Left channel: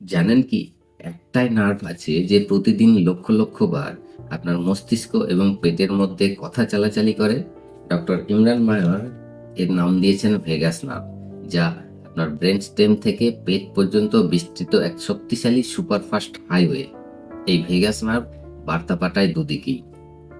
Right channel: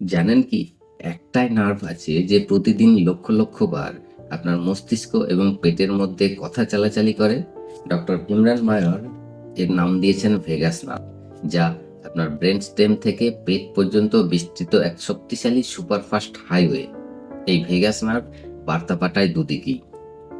জানেন কি? একটাই নার্ভ আছে যে প্রতিদিন লক্ষ লক্ষ বার আপনার মস্তিষ্ক এবং পেটের মধ্যে কথা চালাচালি করে। ডক্টর ইমরান মায়র এর নাম দিয়েছেন ভেগাস নার্ভ যা আপনার ব্রেন স্টেম থেকে পেট পর্যন্ত বিস্তৃত এক শক্তিশালী সুপারফাস্ট হাইওয়ে এই ভেগাস নার্ভ বার্তা পাঠায় দুদিকেই।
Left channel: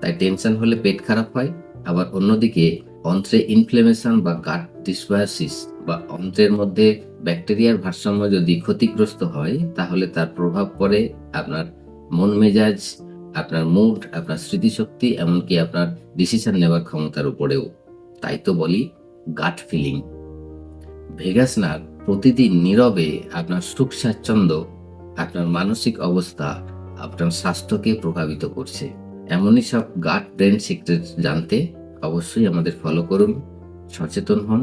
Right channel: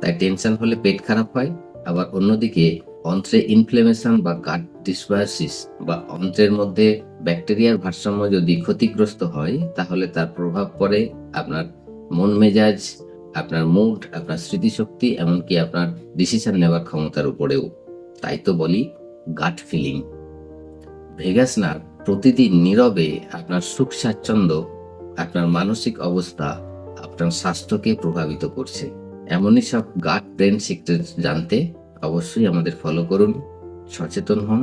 তাই টেনশন হলে পেট খারাপ হয়, আবার অন্যদিকে অন্ত্রে ইনফ্লেমেশন বা গাট ডিসবায়োসিস বা অন্ত্রের মধ্যে ব্যাকটেরিয়ার ভারসাম্য যদি ক্ষতিগ্রস্ত হয়, তাহলে তার প্রভাব পড়ে আপনার মন মেজাজ, আপনার মুড, আপনার স্মৃতিশক্তি, এমনকি আপনার ডিসিশন নেওয়ার ক্ষমতার উপরেও। তাই তো বলি গাট ফিলিং ভেগাস নার্ভ প্রতিদিন নীরবে আপনার সুখ স্বাচ্ছন্দ্য, আপনার মানসিক অবস্থা, আপনার স্বাস্থ্যকে প্রভাবিত করছে। এমনই সব গাট ব্রেন সিক্রেট জানতে অবশ্যই আমাদের ফলো করুন, সচেতন হন